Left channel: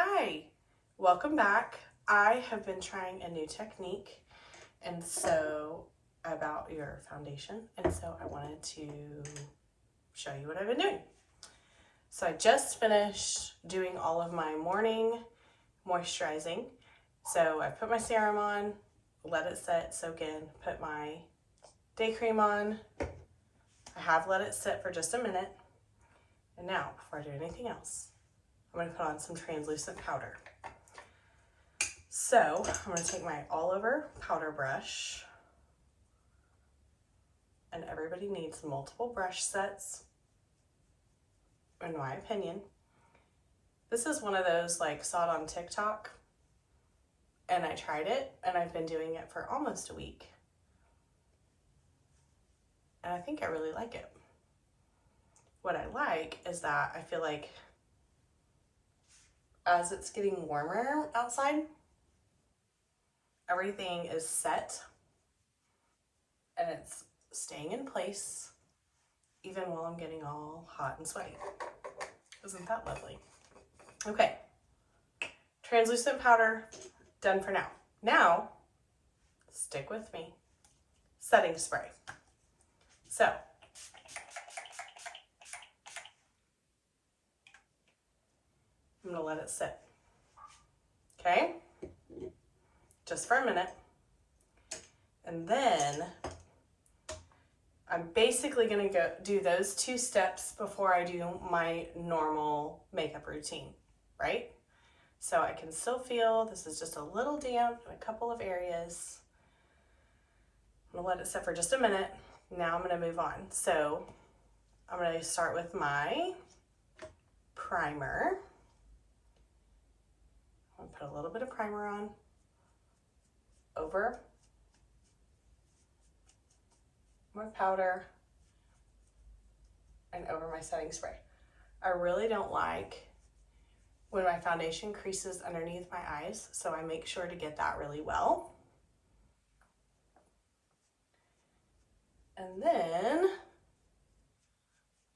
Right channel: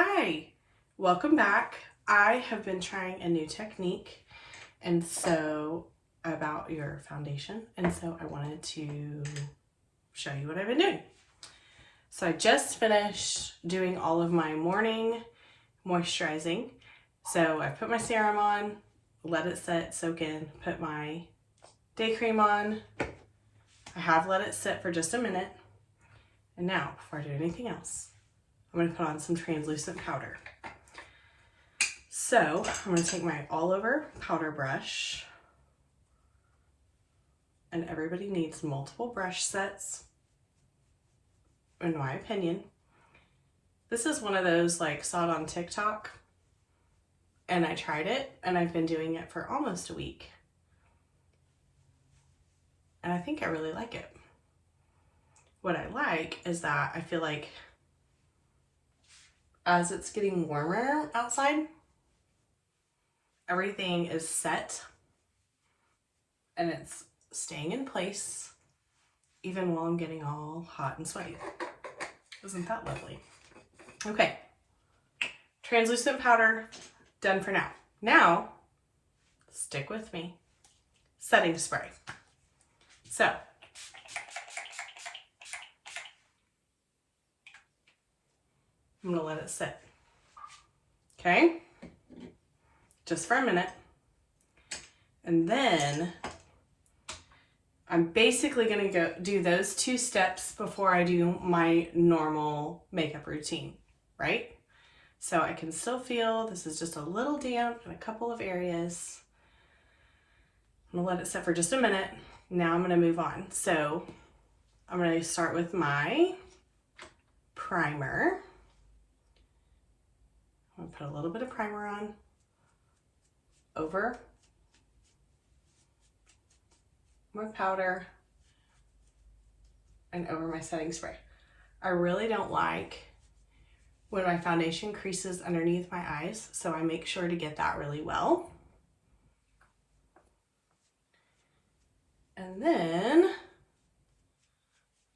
Hi, welcome back. I have been trying a new technique about your foundation, and so I wanted to show you what I've been doing. So I just finished doing all of my morning moisturizing. So I put my serum on, let it set, soak in, put my day cream on. I have let it sit for just a minute. And now, before I do anything else, I'm going to put on some translucent powder. So I'm going to take my all over powder brush, and everybody needs multiple brush sets, in my opinion. This is one of those, like, saw it on TikTok, and I tried it, and I've been doing it for almost a week. And I think I really like it. What I like is that I feel like as it's getting warmer outside, everything is set and it's staying in place even while I'm getting all hot and sweaty. Isn't that lovely? Okay, translucent powder done for now. Now, stick with me. Setting spray. So, I'm gonna let it sit. Okay? Just for a minute. And then I'm basically gonna do those 2 steps before I do my normal makeup routine, right? So I can still feel this is just a little damp in a couple of areas. I'm gonna let it sit for just a minute. Now I'm gonna move on. So I'm gonna start with my primer. I'm gonna put a little bit of primer on over my powder and over my setting spray. I really don't like when my foundation creases underneath my eyes, so I make sure to get that really well. And then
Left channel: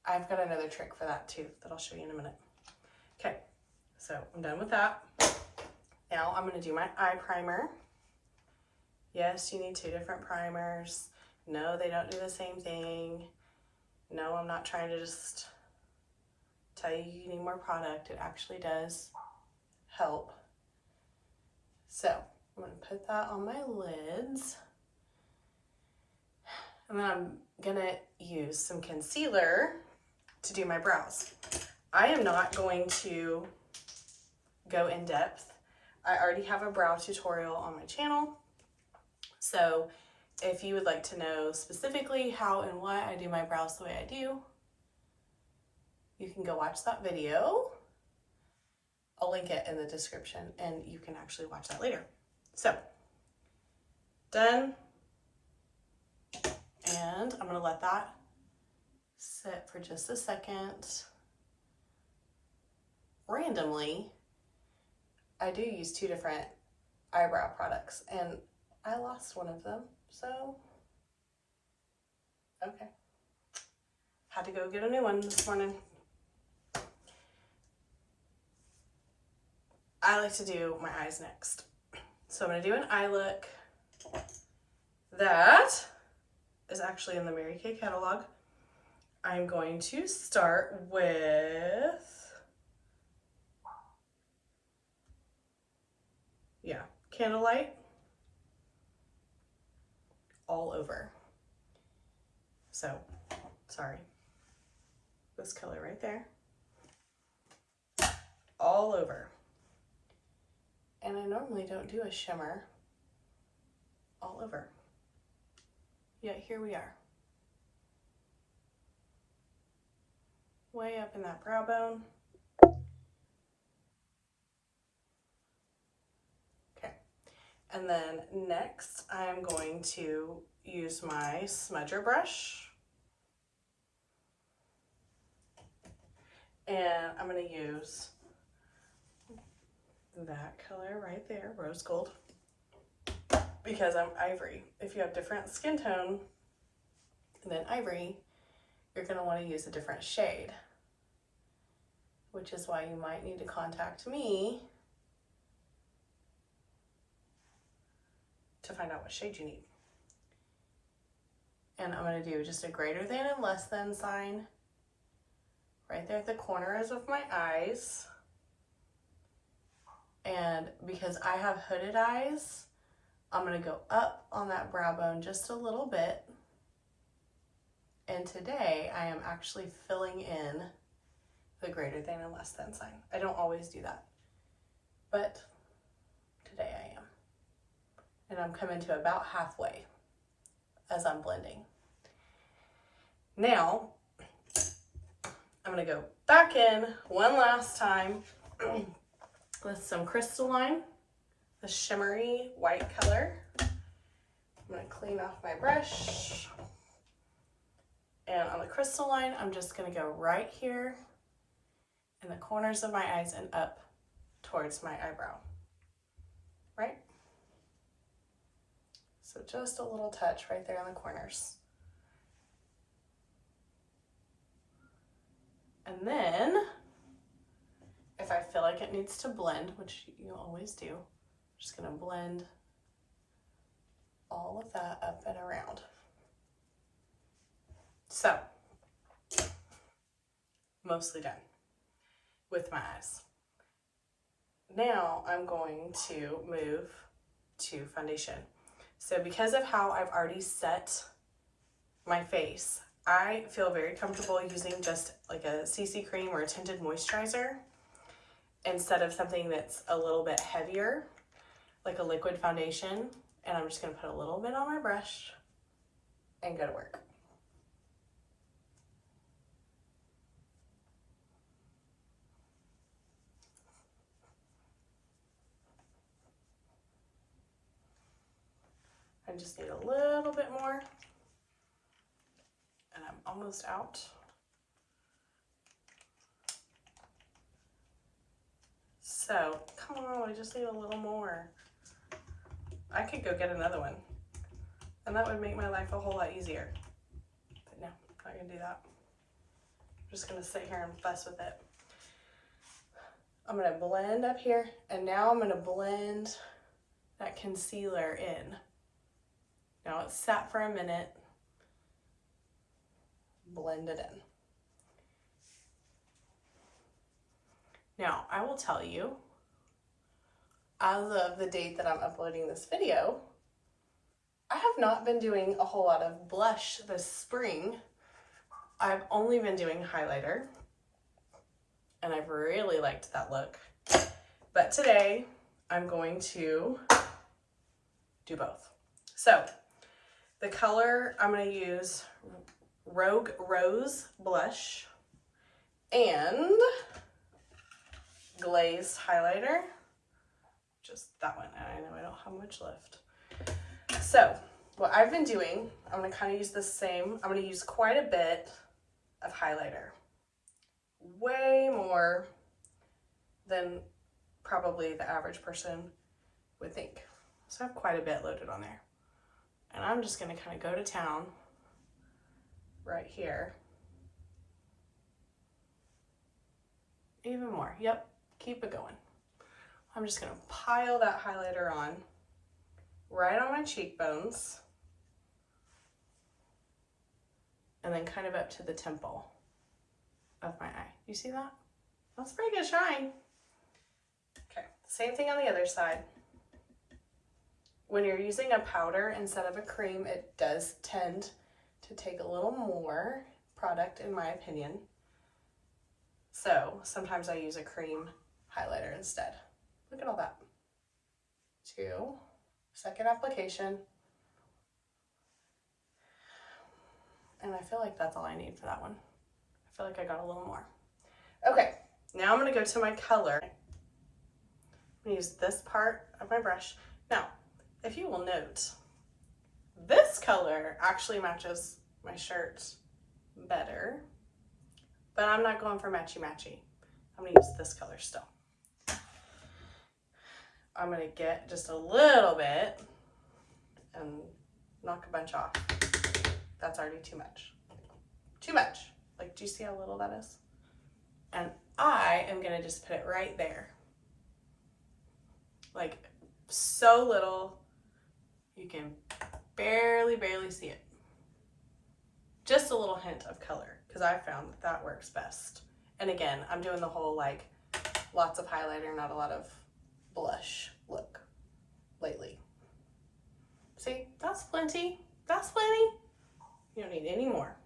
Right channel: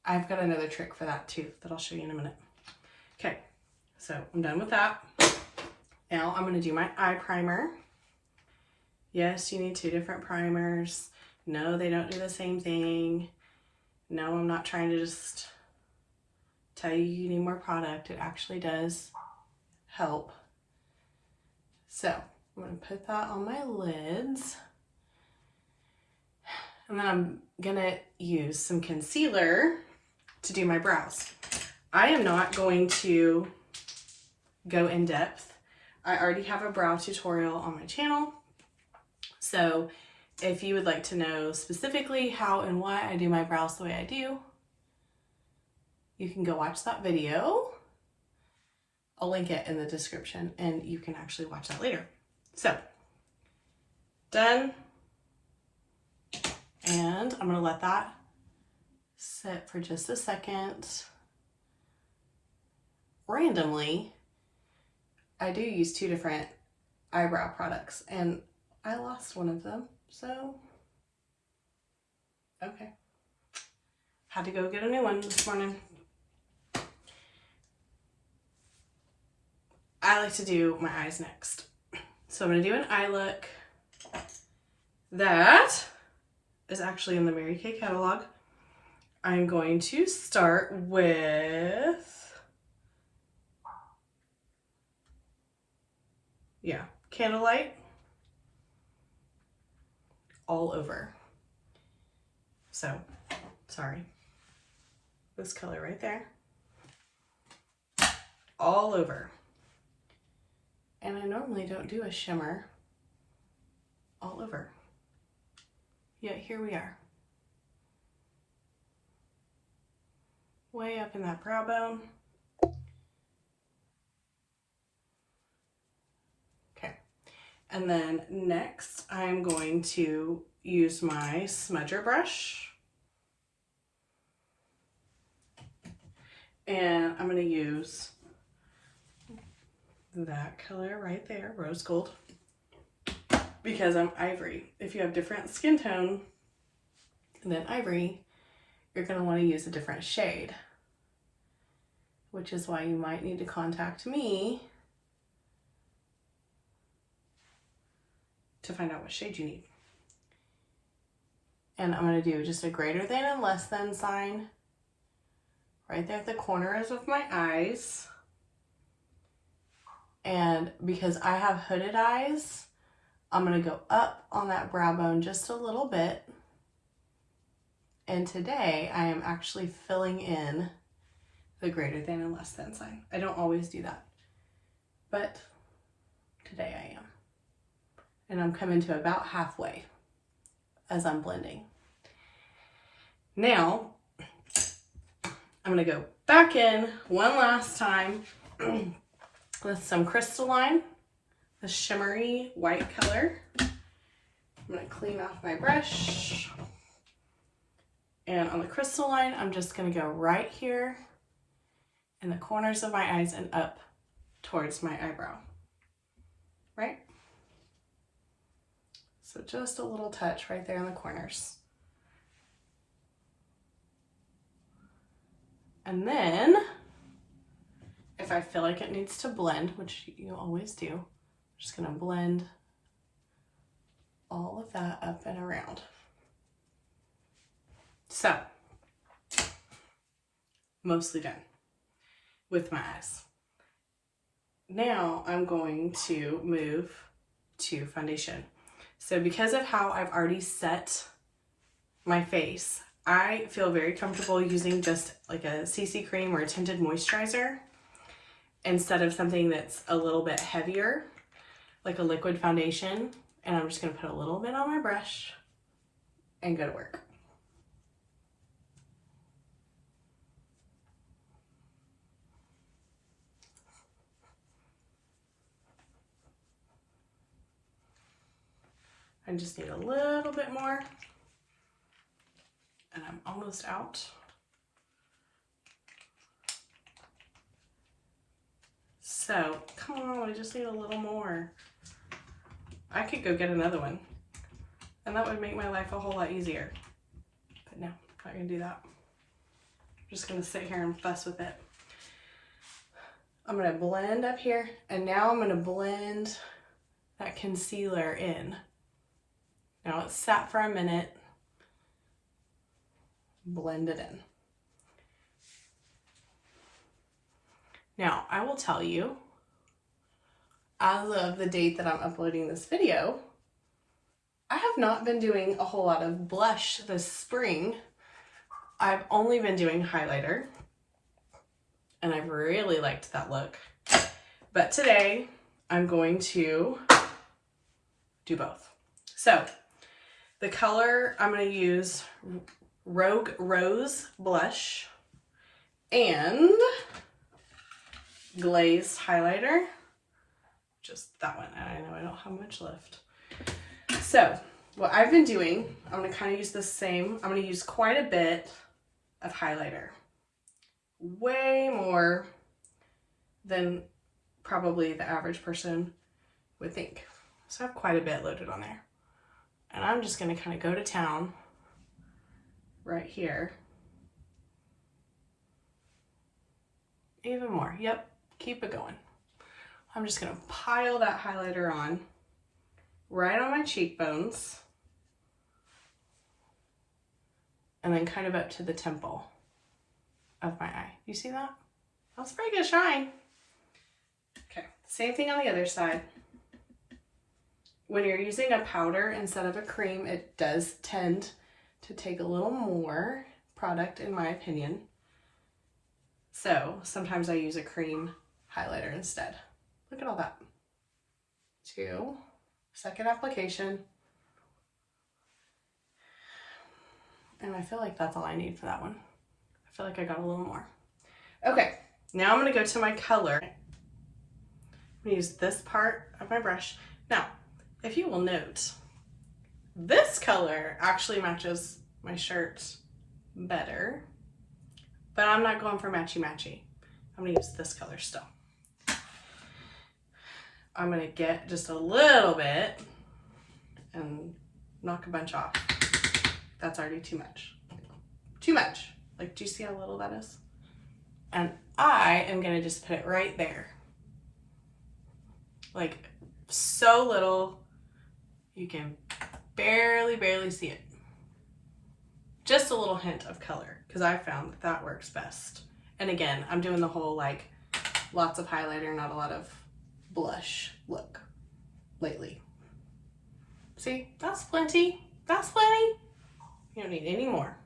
I've got another trick for that too that I'll show you in a minute. Okay, so I'm done with that. Now I'm going to do my eye primer. Yes, you need 2 different primers. No, they don't do the same thing. No, I'm not trying to just tell you need more product. It actually does help. So I'm going to put that on my lids. And then I'm going to use some concealer to do my brows. I am not going to go in depth. I already have a brow tutorial on my channel. So if you would like to know specifically how and why I do my brows the way I do, you can go watch that video. I'll link it in the description and you can actually watch that later. So, done. And I'm going to let that sit for just a second. Randomly, I do use 2 different eyebrow products and I lost one of them, so okay. Had to go get a new one this morning. I like to do my eyes next. So I'm going to do an eye look that is actually in the Mary Kay catalog. I'm going to start with, Candlelight all over. So, sorry, this color right there, all over. And I normally don't do a shimmer all over, yet here we are. Way up in that brow bone. And then next, I'm going to use my smudger brush. And I'm going to use that color right there, rose gold, because I'm ivory. If you have different skin tone than ivory, you're going to want to use a different shade, which is why you might need to contact me to find out what shade you need. And I'm going to do just a greater than and less than sign right there at the corners of my eyes. And because I have hooded eyes, I'm going to go up on that brow bone just a little bit. And today I am actually filling in the greater than and less than sign. I don't always do that, but today I am. And I'm coming to about halfway as I'm blending. Now, I'm gonna go back in one last time with some crystalline, the shimmery white color. I'm gonna clean off my brush. And on the crystalline, I'm just gonna go right here in the corners of my eyes and up towards my eyebrow, right? So just a little touch right there in the corners. And then, if I feel like it needs to blend, which you always do, I'm just gonna blend all of that up and around. So, mostly done with my eyes. Now I'm going to move to foundation. So because of how I've already set my face, I feel very comfortable using just like a CC cream or a tinted moisturizer instead of something that's a little bit heavier, like a liquid foundation. And I'm just gonna put a little bit on my brush and go to work. I just need a little bit more. And I'm almost out. So, come on, I just need a little more. I could go get another one, and that would make my life a whole lot easier. But no, not gonna do that. I'm just gonna sit here and fuss with it. I'm gonna blend up here, and now I'm gonna blend that concealer in. Now it's sat for a minute. Blend it in. Now, I will tell you, as of the date that I'm uploading this video, I have not been doing a whole lot of blush this spring. I've only been doing highlighter, and I've really liked that look. But today, I'm going to do both. So, the color I'm going to use Rogue Rose blush and glazed highlighter, just that one, and I know I don't have much left. So what I've been doing, I'm going to kind of use the same, I'm going to use quite a bit of highlighter, way more than probably the average person would think. So I have quite a bit loaded on there, and I'm just going to kind of go to town right here. Even more. Yep, keep it going. I'm just gonna pile that highlighter on right on my cheekbones and then kind of up to the temple of my eye. You see that? That's pretty good shine. Okay, same thing on the other side. When you're using a powder instead of a cream, it does tend to take a little more product, in my opinion. So sometimes I use a cream highlighter instead. Look at all that. 2, second application. And I feel like that's all I need for that one. I feel like I got a little more. Okay, now I'm gonna go to my color. I'm gonna use this part of my brush. Now, if you will note, this color actually matches my shirt better, but I'm not going for matchy-matchy. I'm gonna use this color still. I'm gonna get just a little bit and knock a bunch off. That's already too much. Too much. Like, do you see how little that is? And I am gonna just put it right there. Like, so little, You can barely see it. Just a little hint of color, because I found that that works best. And again, I'm doing the whole like lots of highlighter, not a lot of blush look lately. See, that's plenty. That's plenty. You don't need any more.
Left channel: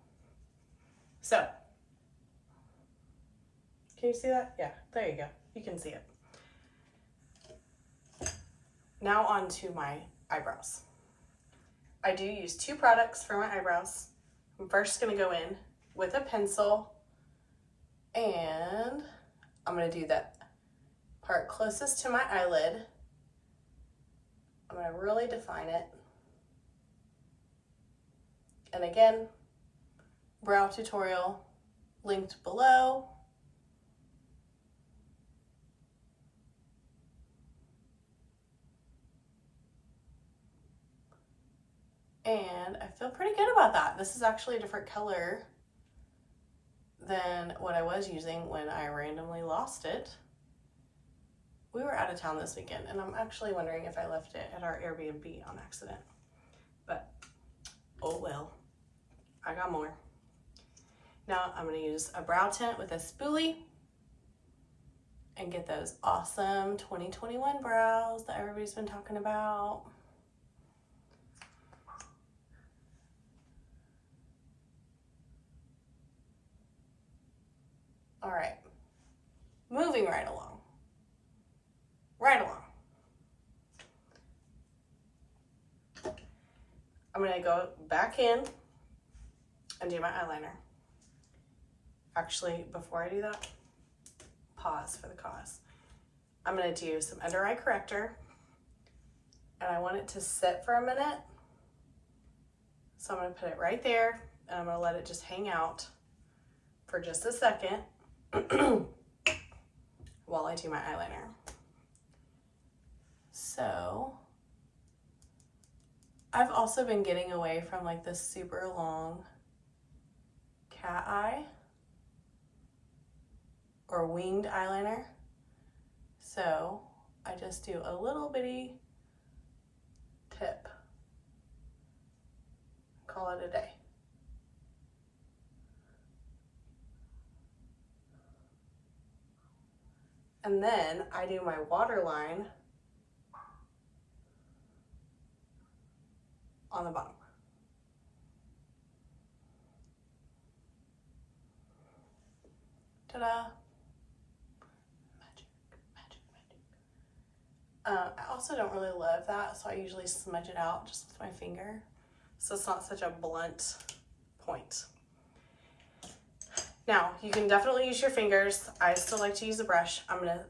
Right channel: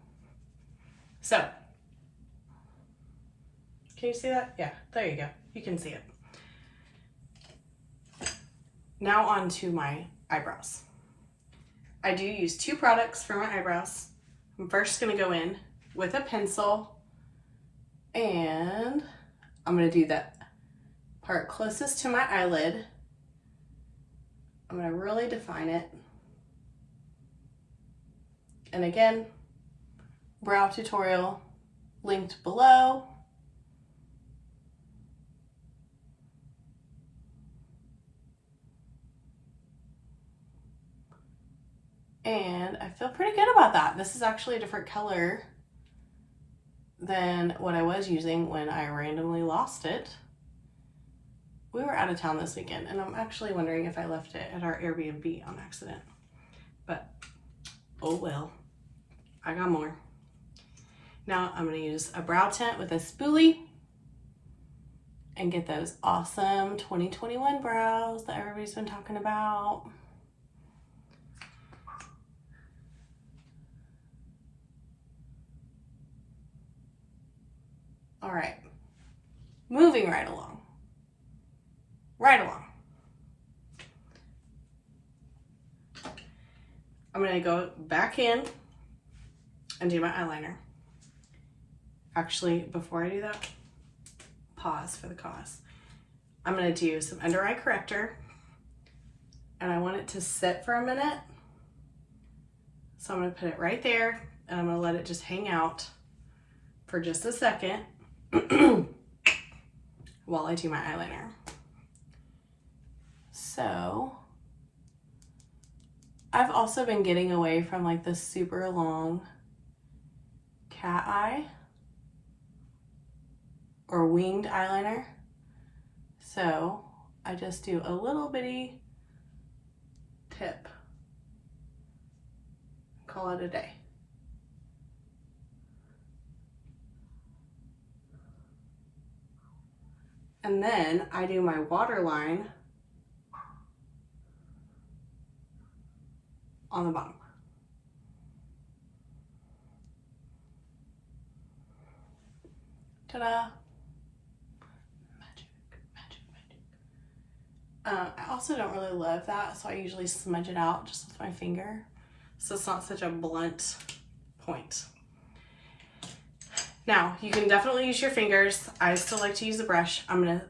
So, can you see that? Yeah, there you go. You can see it. Now on to my eyebrows. I do use 2 products for my eyebrows. I'm first going to go in with a pencil, and I'm going to do that part closest to my eyelid. I'm going to really define it. And again, brow tutorial linked below. And I feel pretty good about that. This is actually a different color than what I was using when I randomly lost it. We were out of town this weekend, and I'm actually wondering if I left it at our Airbnb on accident. But, oh well. I got more. Now I'm going to use a brow tint with a spoolie and get those awesome 2021 brows that everybody's been talking about. All right, moving right along. I'm going to go back in and do my eyeliner. Actually, before I do that, pause for the cause. I'm going to do some under eye corrector, and I want it to sit for a minute. So I'm going to put it right there, and I'm going to let it just hang out for just a second while I do my eyeliner. So I've also been getting away from like this super long cat eye or winged eyeliner. So I just do a little bitty tip. Call it a day. And then I do my waterline on the bottom. Ta-da! Magic. I also don't really love that, so I usually smudge it out just with my finger, so it's not such a blunt point. Now, you can definitely use your fingers. I still like to use a brush. I'm going to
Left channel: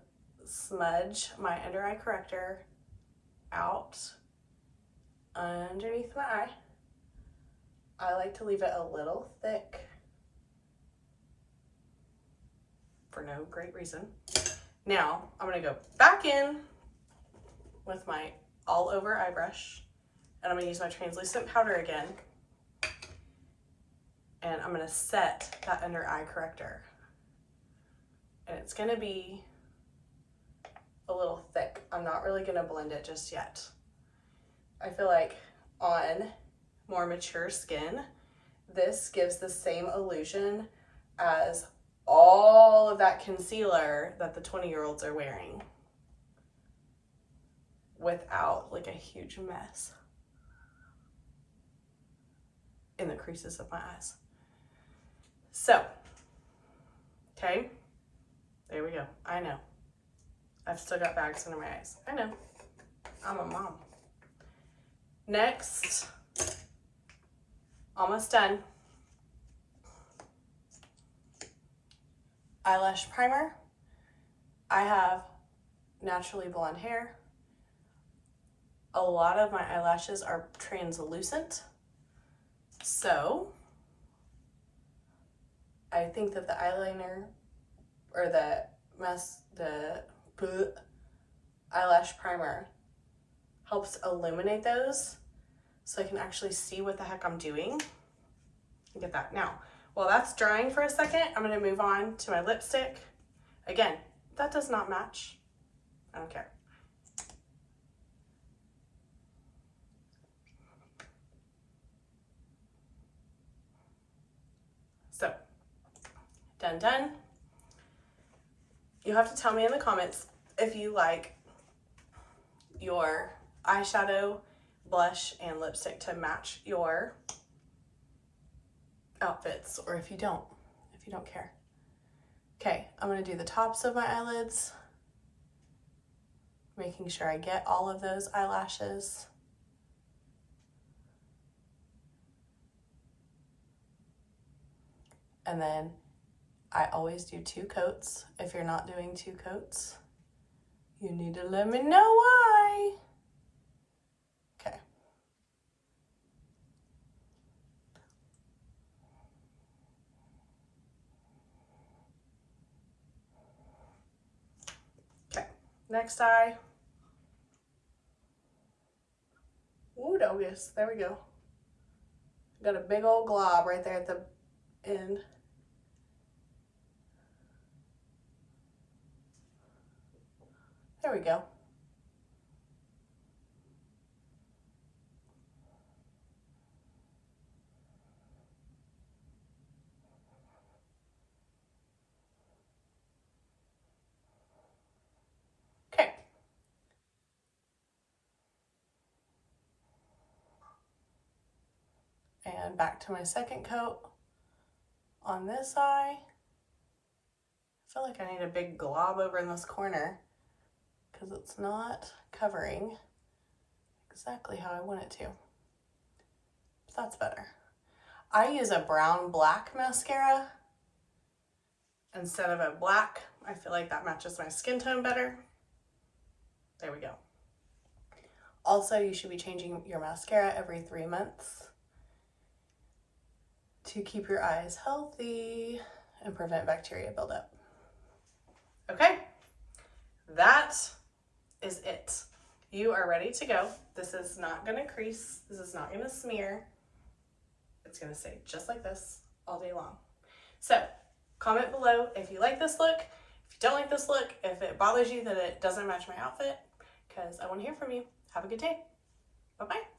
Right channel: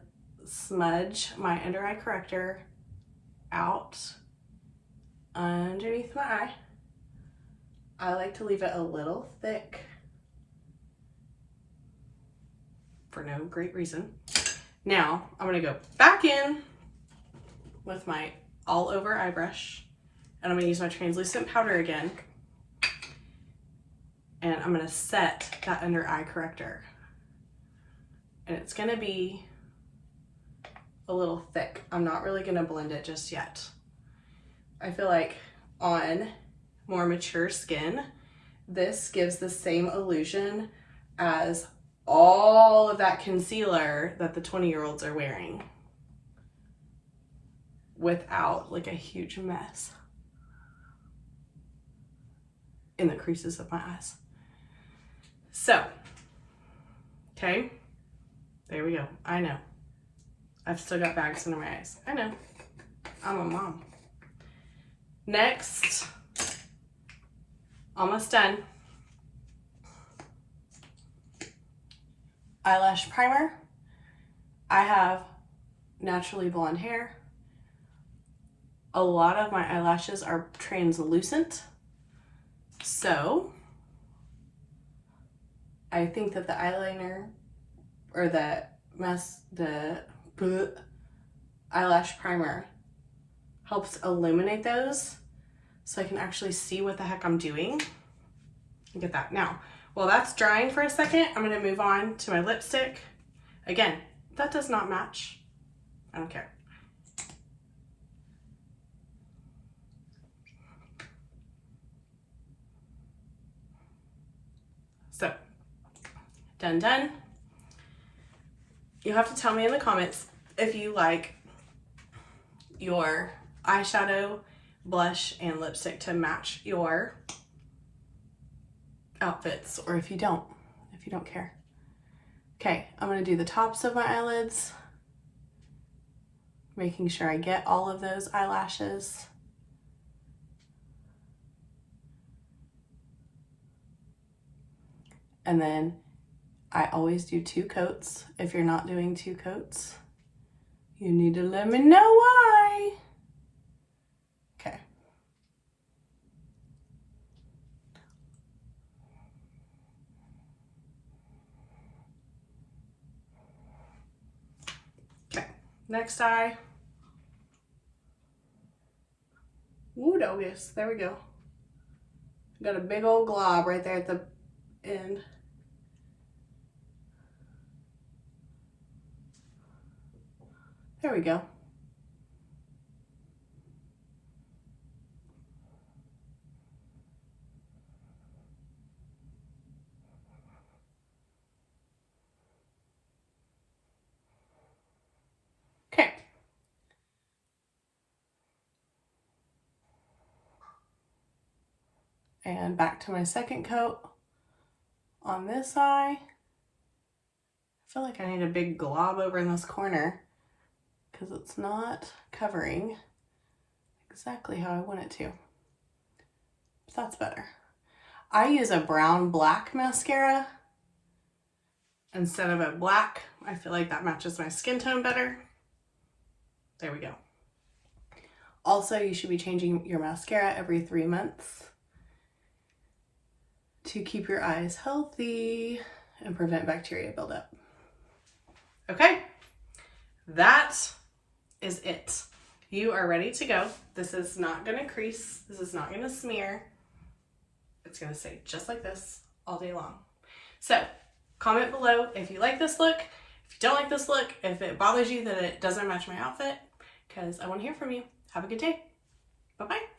smudge my under eye corrector out underneath my eye. I like to leave it a little thick for no great reason. Now, I'm going to go back in with my all over eye brush, and I'm going to use my translucent powder again. And I'm going to set that under eye corrector. And it's going to be a little thick. I'm not really going to blend it just yet. I feel like on more mature skin, this gives the same illusion as all of that concealer that the 20-year-olds are wearing without like a huge mess in the creases of my eyes. So, okay, there we go. I know. I've still got bags under my eyes. I know. I'm a mom. Next, almost done. Eyelash primer. I have naturally blonde hair. A lot of my eyelashes are translucent. So I think that the eyeliner or the eyelash primer helps illuminate those so I can actually see what the heck I'm doing. Look at that. Now, while that's drying for a second, I'm going to move on to my lipstick. Again, that does not match. I don't care. done, done. You have to tell me in the comments if you like your eyeshadow, blush, and lipstick to match your outfits, or if you don't care. Okay, I'm gonna do the tops of my eyelids, making sure I get all of those eyelashes. And then I always do 2 coats. If you're not doing 2 coats, you need to let me know why. Okay. Okay, next eye. Ooh, doggies, there we go. Got a big old glob right there at the end. There we go. Okay. And back to my second coat on this eye. I feel like I need a big glob over in this corner because it's not covering exactly how I want it to. But that's better. I use a brown black mascara instead of a black. I feel like that matches my skin tone better. There we go. Also, you should be changing your mascara every 3 months to keep your eyes healthy and prevent bacteria buildup. Okay, that is it. You are ready to go. This is not gonna crease. This is not gonna smear. It's gonna stay just like this all day long. So comment below if you like this look, if you don't like this look, if it bothers you that it doesn't match my outfit, because I want to hear from you. Have a good day. Bye-bye.